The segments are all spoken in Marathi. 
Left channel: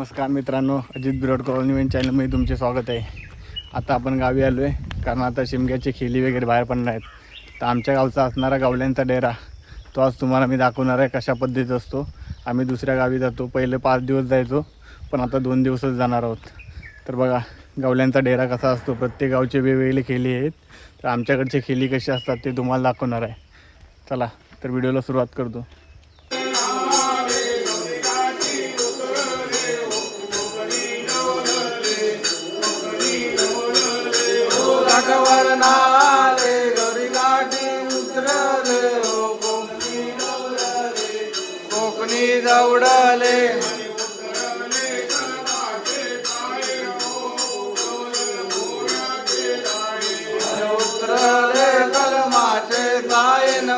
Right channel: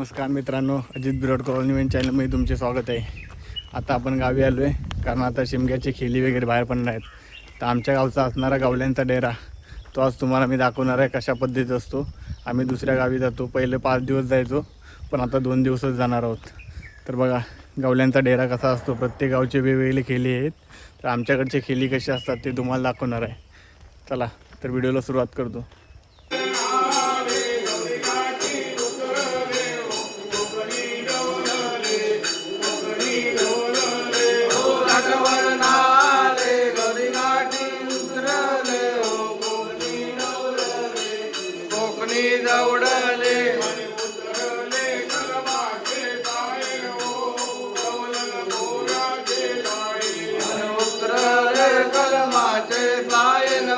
नमस्कार मित्रांनो, अजित बिरोड कॉलनी चॅनलमध्ये तुमचे स्वागत आहे. आता आपण गावी आलो आहे कारण आता शिमग्याची खेली वगैरे बाहेर पडणार आहेत. तर आमच्या गावचा असणारा गावल्यांचा डेरा तो आज तुम्हाला मी दाखवणार आहे कशा पद्धतीचा असतो. आम्ही दुसऱ्या गावी जातो, पहिले 5 दिवस जायचो पण आता 2 दिवसच जाणार आहोत. तर बघा गावल्यांचा डेरा कसा असतो, प्रत्येक गावचे वेगवेगळे खेली आहेत. तर आमच्याकडचे खेली कसे असतात ते तुम्हाला दाखवणार आहे. चला तर व्हिडिओला सुरुवात करतो. नाले घरी गाठी उतरले कोकणी दौडले उतरले कलमाचे सायन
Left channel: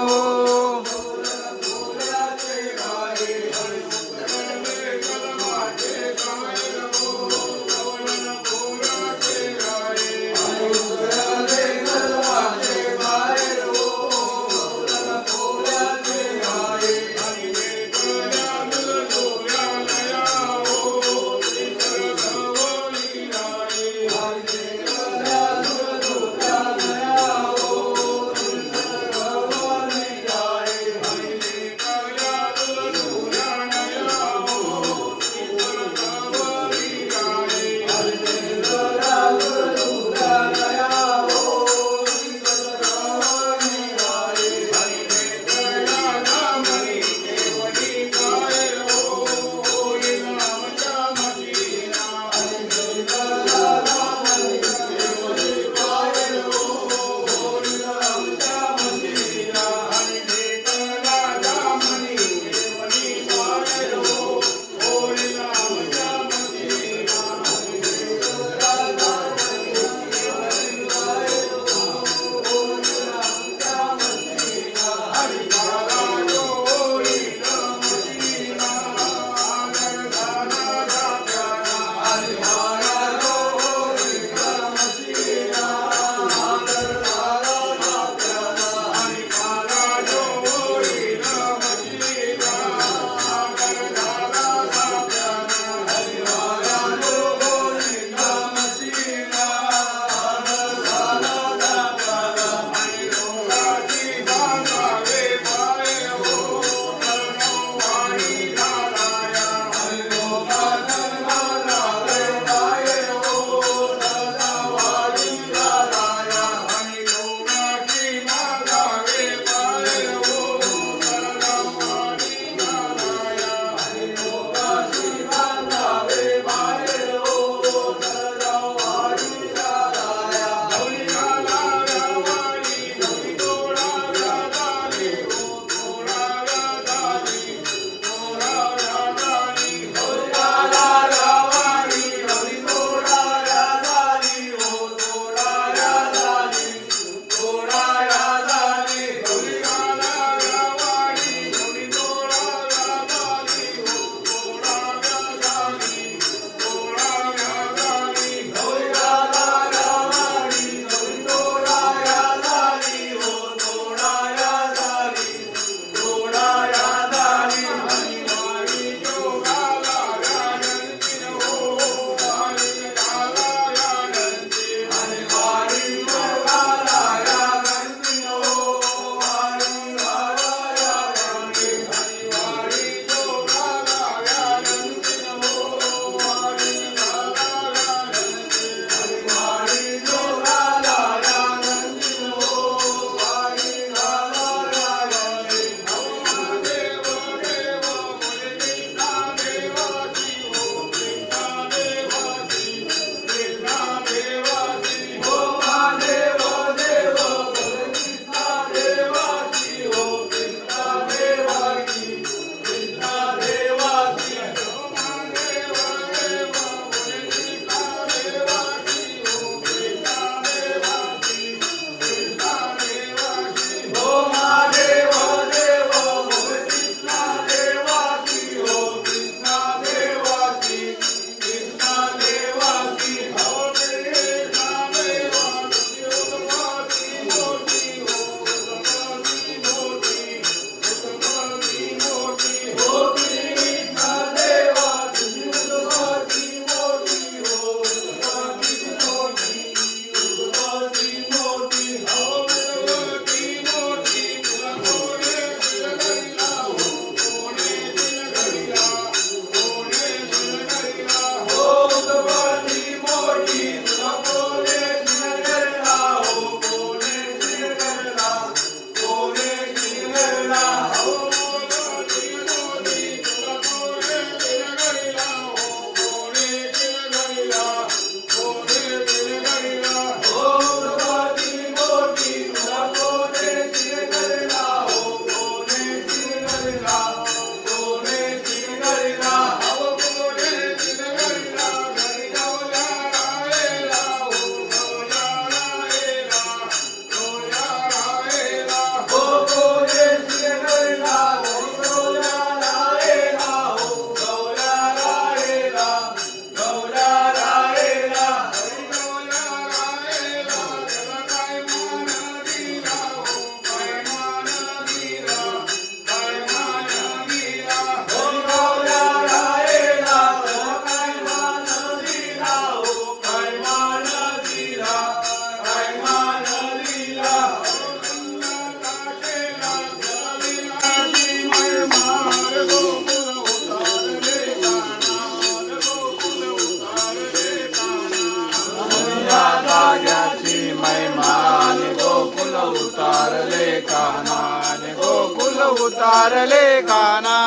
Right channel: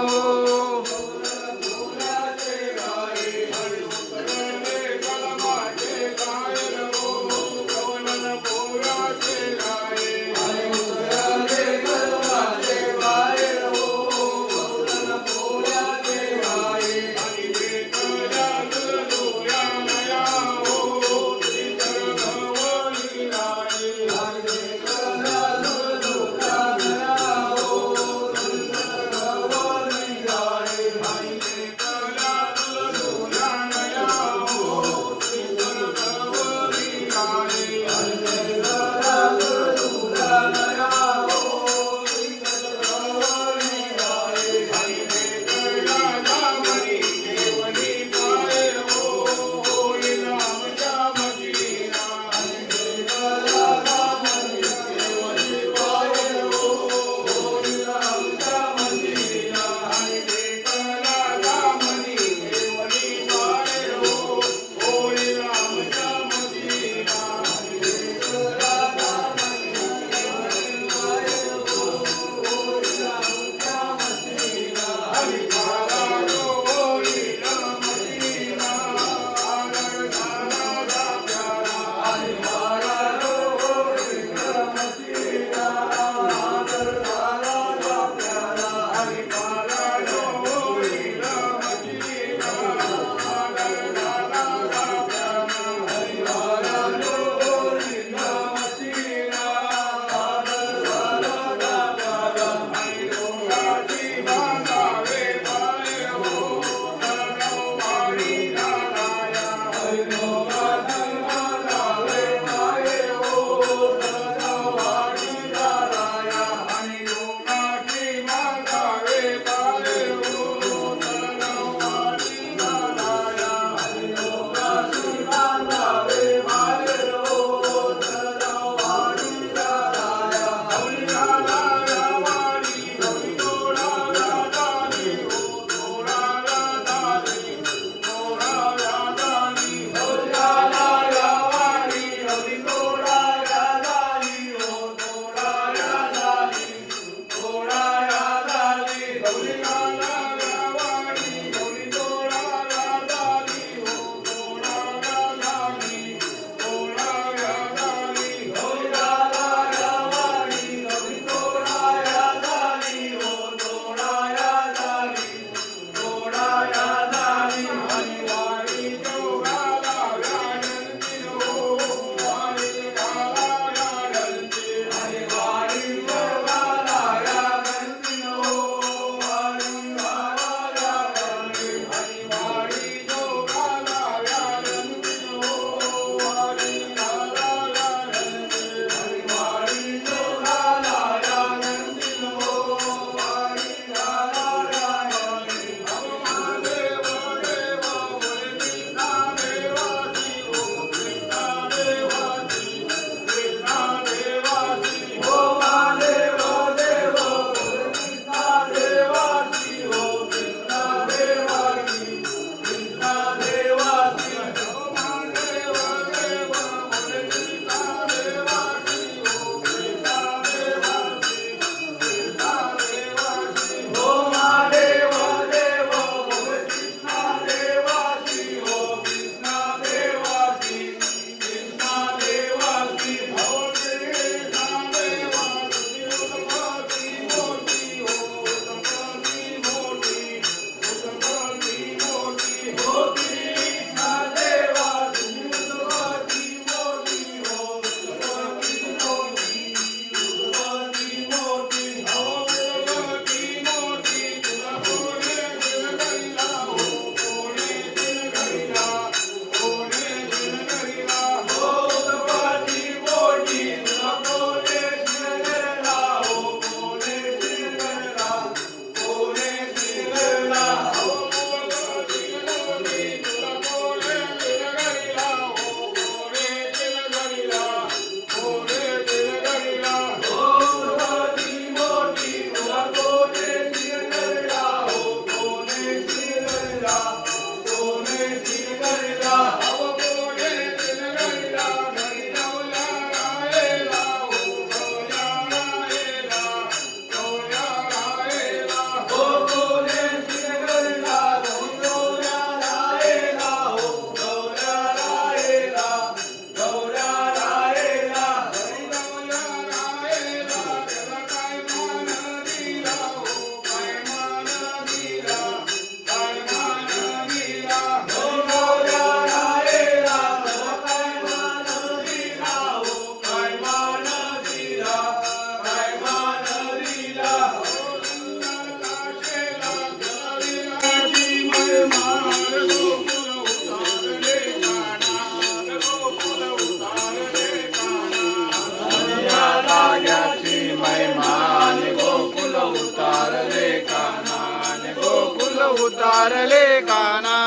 भाग्याची महिमान गोकुल उतारले कानान गोकुल उतारले काना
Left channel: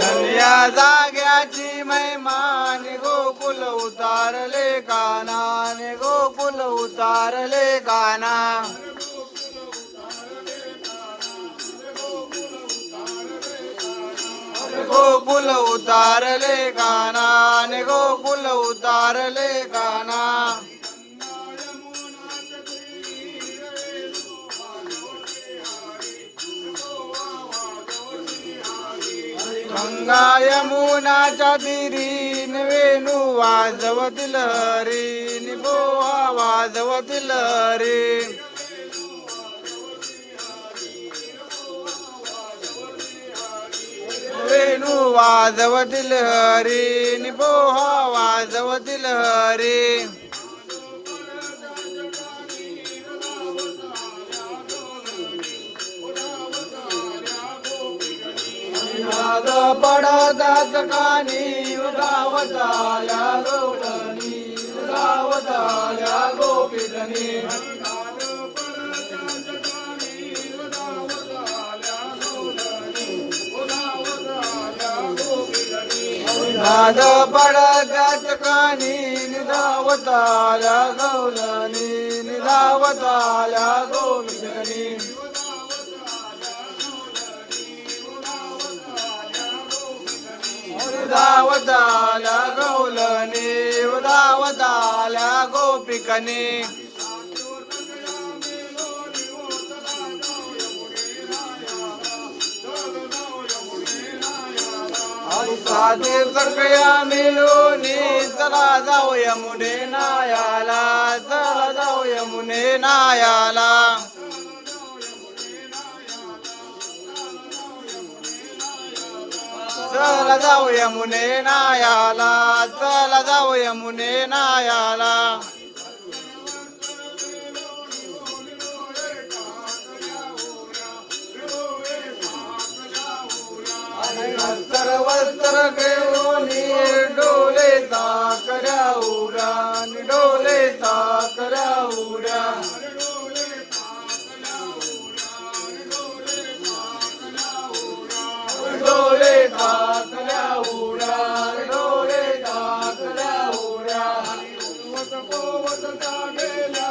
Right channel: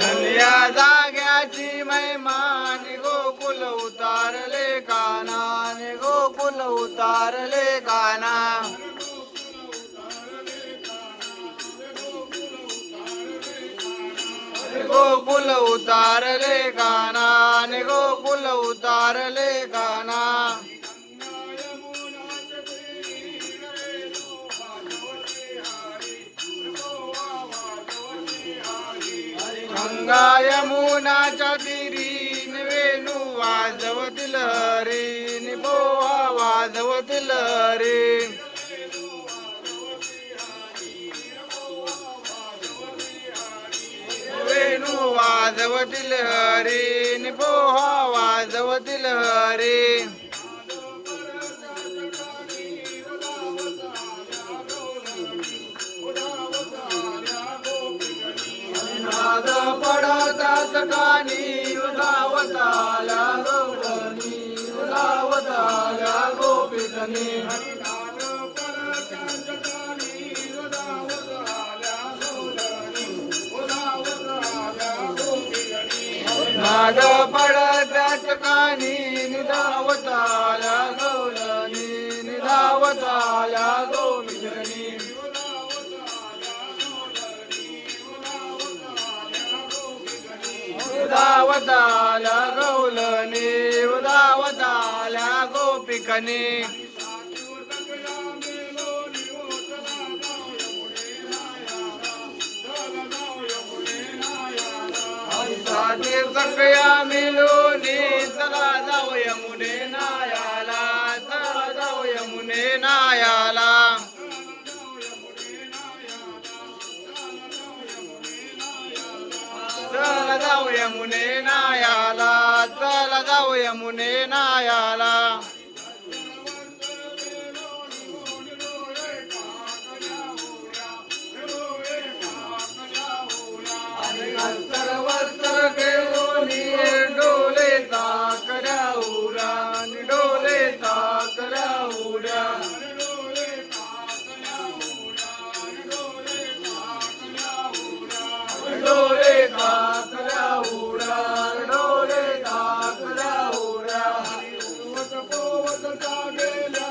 धन्या जाग्याची महिमान गोकुल उतारले कानान गोकुल उतारले काना गोकुल उतारले काना गोकुल उतारले काना गंगा यमुनाच्या तीरीन वेणू वाजवतील हरी निबोहा वाजवतील हरी वेणू वाजवतील हरी निबोहा वाजवतील हरी नाद पडता ठिकाणी गावताला गोपनी गावताला गोपिकनी नाद पडत्या ठिकाणी निधावताला गौलनी निधावताला गौलनी निधावताला गौलनी निधावताला गोपिकनी साधे सगळ्या मिळून चला जाऊ यमुने नायाला चला जाऊ यमुने नायाला चला जाऊ यमुने नायाला चला जाऊ यमुने नायाला सर्वत्र देऊनी डोले ताकऱ्या उड्या डोले ताकऱ्या उड्या डोले ताकऱ्या उड्या डोले ताकऱ्या उड्या पोवत गेल्या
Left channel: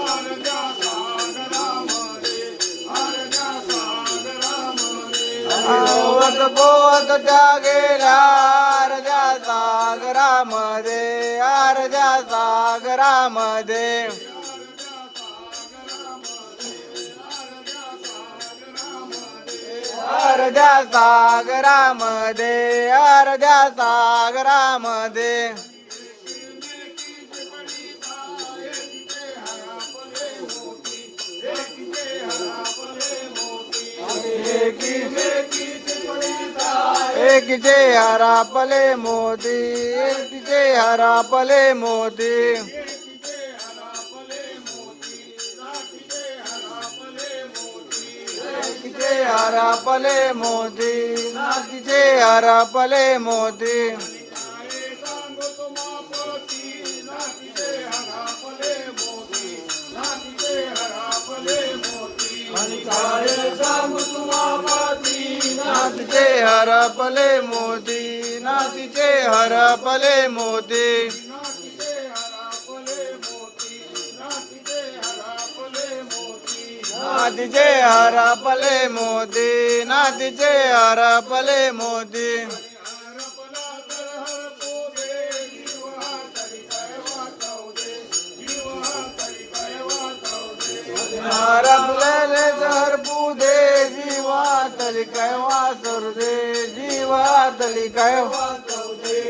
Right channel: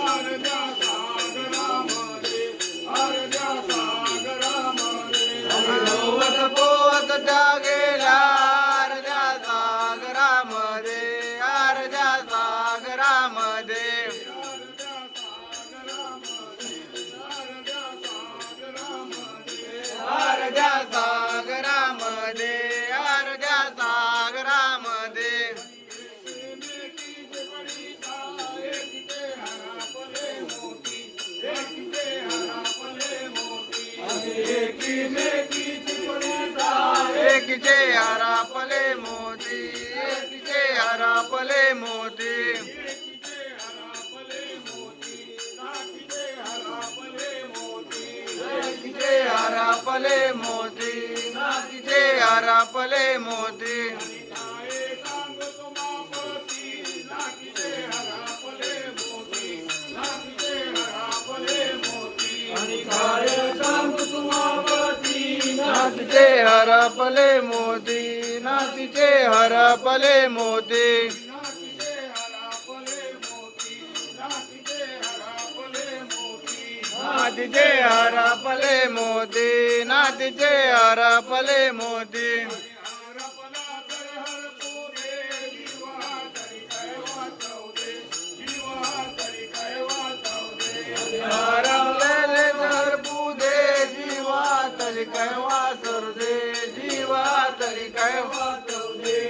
अर्ध्या सागरामध्ये अर्ध्या सागरामध्ये पोवत गेल्या अर्ध्या सागरामध्ये अर्ध्या सागरामध्ये अर्ध्या सागरामध्ये अर्ध्या सागरामध्ये एकीचे हरापले मोती एकीचे हरापले मोती एकीचे हरापले मोती नातीचे हरापले मोती नातीचे हरपले मोती नातीचे हरपले मोती नातीचे हरपले मोती नातीचे हरपले मोती हरपलेले हरपू दे जीवा तरी काय वाचरू दे जीवा तरी काय वाचरू दे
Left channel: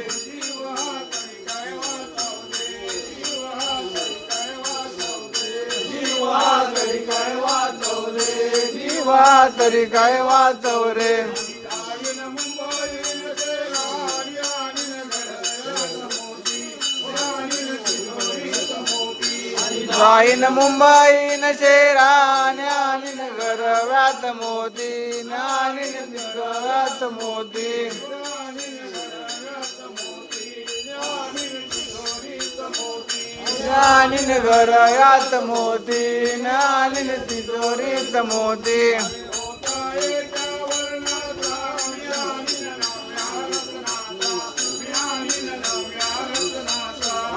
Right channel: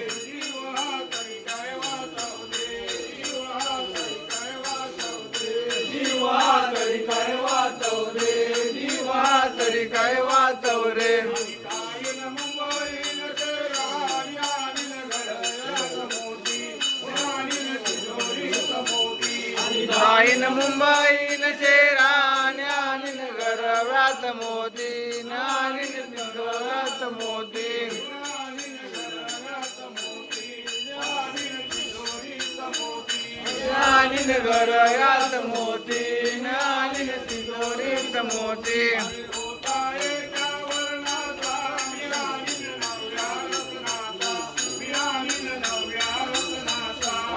जीवा तरी काय वाचव रे जीवा तरी काय वाचव रे जाईन मुंबईन शेराने आणि नगर व्यात मोती आणि व्यात मोती आणि नगर व्यात मोती आणि तिजोरीत मोती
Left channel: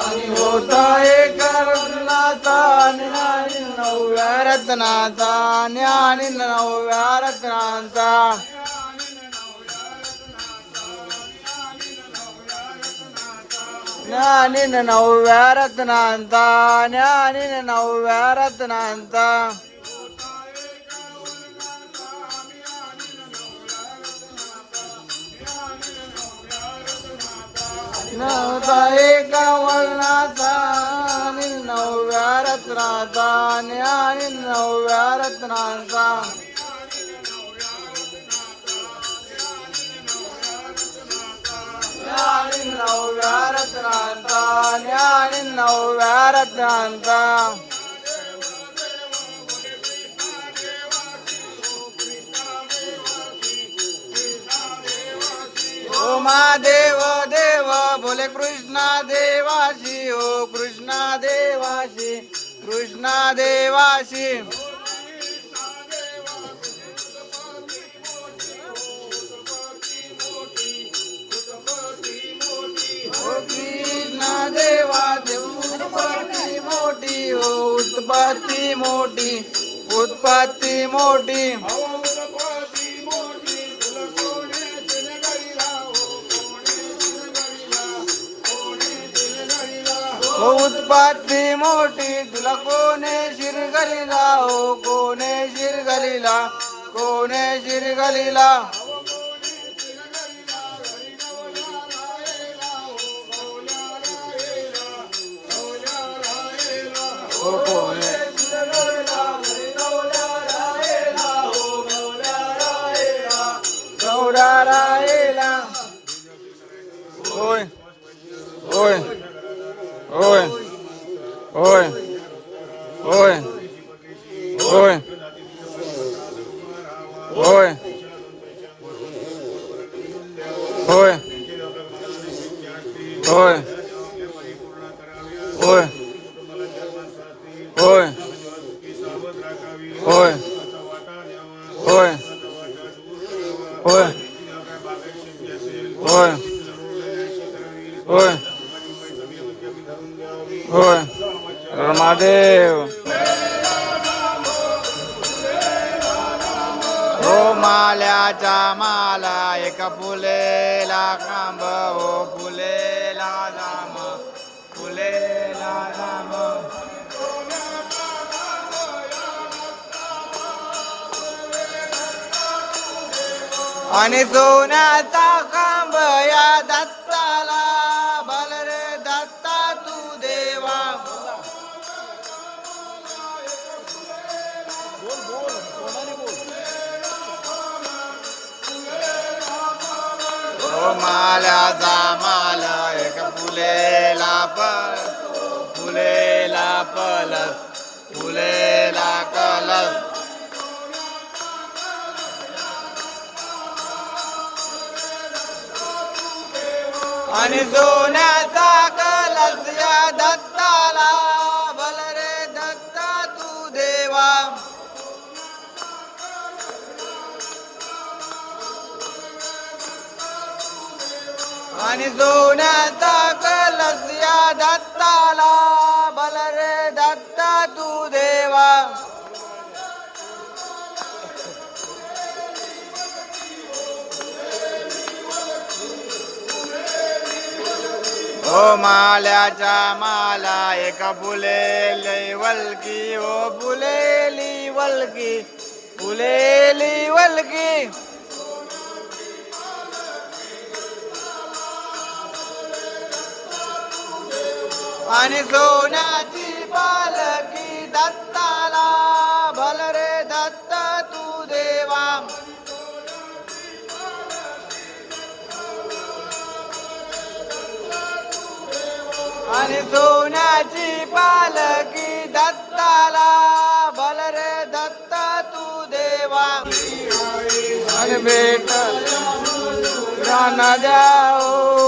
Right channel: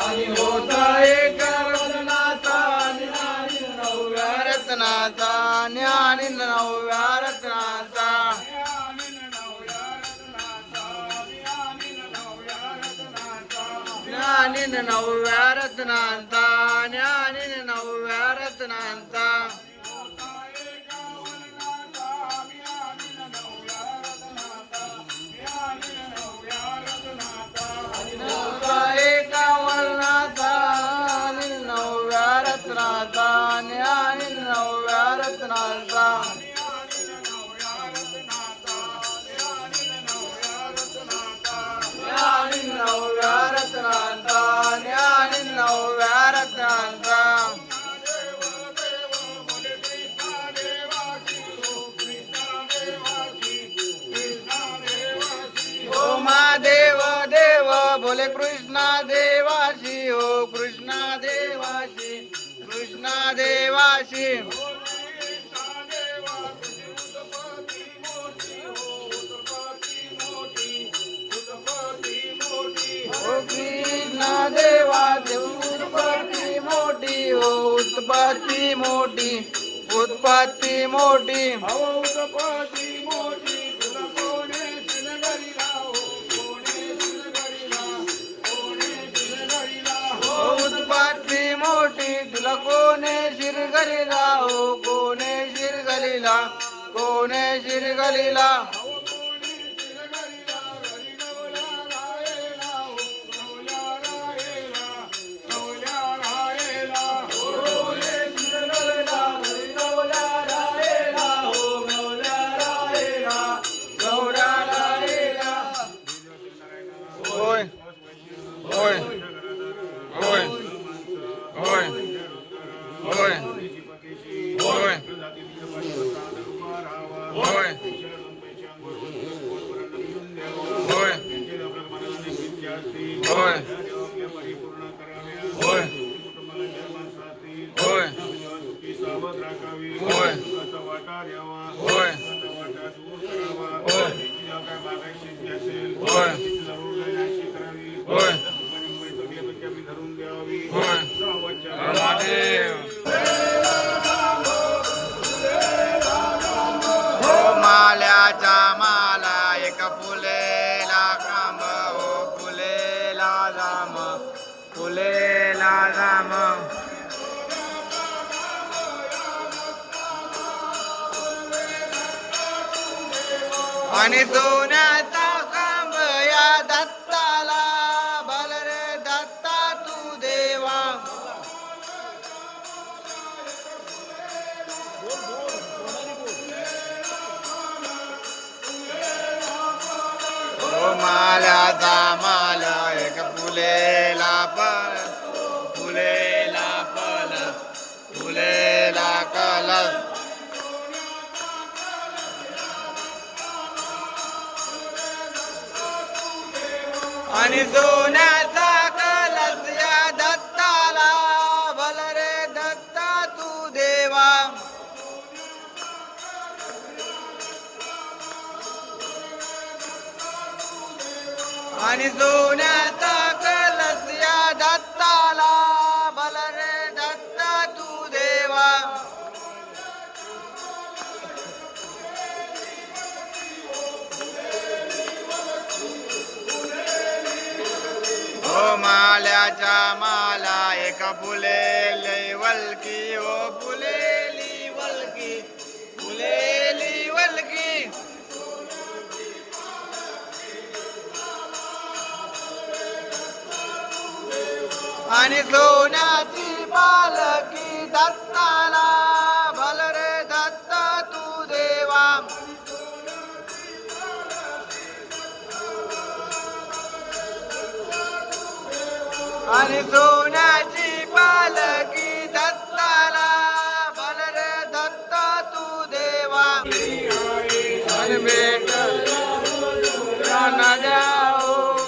आणि होता एका वर्णाचा आणि नवव्या रत्नाचा आणि नवव्या रत्नाचा ज्ञानी नवव्या रत्नांचा ज्ञानी नवव्या रत्नांचा नवरा एका वर्णाचा आणि नवव्या रत्नाचा ज्ञानी नवव्या रत्नांचा ज्ञानी नवव्या रत्नांचा ज्ञानी नवव्या रत्नांचा ओ महादेव देव बोले कृष्णा देवाशी हो कृष्णा देवाशी कृष्णा देवाशी ओ कृष्णा देवाची उत्पत्ती मोठी हो उत्पत्ती मोठी उत्पत्ती मोठी उत्पत्ती मोठी तुला कोणे शिरगलीला हो कोणे शिरगलीला कोणे शिरगलीला होय होय होय होय होय होय होय होय होय होय होय होय होय होय होय होय होय महादेव हो माल्याचा माला एका फुलेला खांब हो फुलेला राम फुलेला राम आणि सोन्याचा खांब या दत्ताला बल रे दत्ता तू देवा ओ माल्याचा माल एक फुलेला पलस फुलेला कलस आणि सोन्याचा कलस या दत्ताला भल रे दत्ता तू देवा आणि सोन्याचा कलस या दत्ताला भल रे दत्ता तू देवा ओ माल्याच्या माला एका फुलेली वलकी ओ फुलेली वलकी फुलेली वलकी आणि सोन्याची पालकी दत्ताला भल रे दत्त तू देवा आणि सोन्याची पालकी दत्ताला भल रे दत्त तू देवा आणि भेट राना द्याओ